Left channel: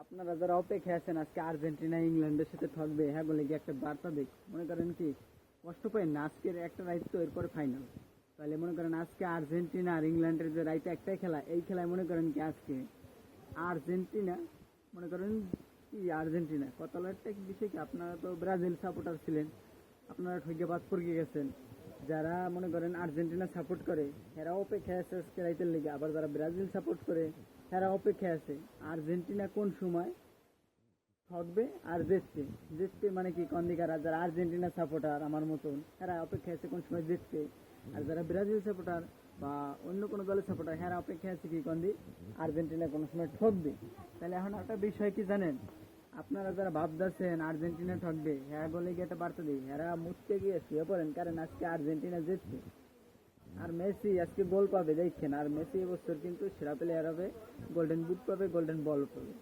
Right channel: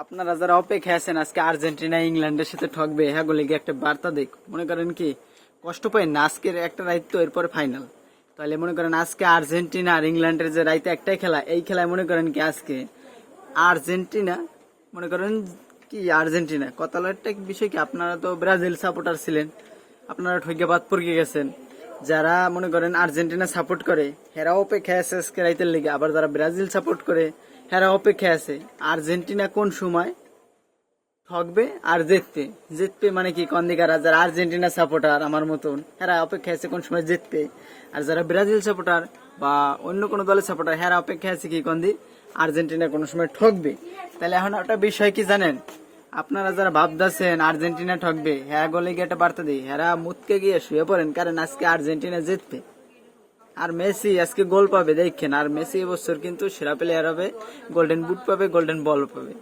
আপনারা যারা অপেক্ষা আছেন আজকে আর্জেন্টিনা ইংল্যান্ডের সাথে ঠকবে হ্যাঁ বলে গিয়ে একটা বার্তা দেখ মনে করেন কি কষ্ট পাই না আজকের একটা রাইত তো এরপরে ফাইনাল তাহলে মনে করেন আজকে আর্জেন্টিনা আর ইংল্যান্ডের যে রাইতে একটাই খেলা এই খেলায় মনে করেন কি আজকে আর্জেন্টিনা মনে করেন কি আর্জেন্টিনা কত একটা বিষয় কি আপনারা তো ব্রাজিল সাপোর্টার ছিলেন আপনারা ঠকে বাদ পড়ে গেছেন যারা মনে করেন আর্জেন্টিনা সাপোর্ট করে হেরা অপেক্ষায় আছে আজকে রাইতের লিগে আবার যারা ব্রাজিল সাপোর্ট করে হেরা অপেক্ষায় আছে আর্জেন্টিনা কোন সময় ঠকবে আর জিতবে জিতবে মানে কি কন্দিকারা যারা আর্জেন্টিনা সাপোর্টার আমার মতন হেরা অপেক্ষা আছে কোন সময় জিতবে আর যারা ব্রাজিল সাপোর্টার বা অন্য কোনো দলের সাপোর্টার হেরা অপেক্ষা আছে কি কন্দি আর্জেন্টিনা কোনো সময় ঠকবে তাহলে এখন একটা বিষয় কি জানেন আপনারা যারা ভাবতেছেন আর্জেন্টিনা ঠকবে হ্যাঁ গলে গিয়ে একটা বার্তা দিই হেরা মুতকে গিয়ে শুয়ে পড়েন কারণ আজকে আর্জেন্টিনা জিতবে আর মেসি আজকে গোল পাবে দেখেন আর মেসি এবছর কিন্তু সেরা প্লেয়ার হবে গোল্ডেন বুট পাবে গোল্ডেন বল পাবে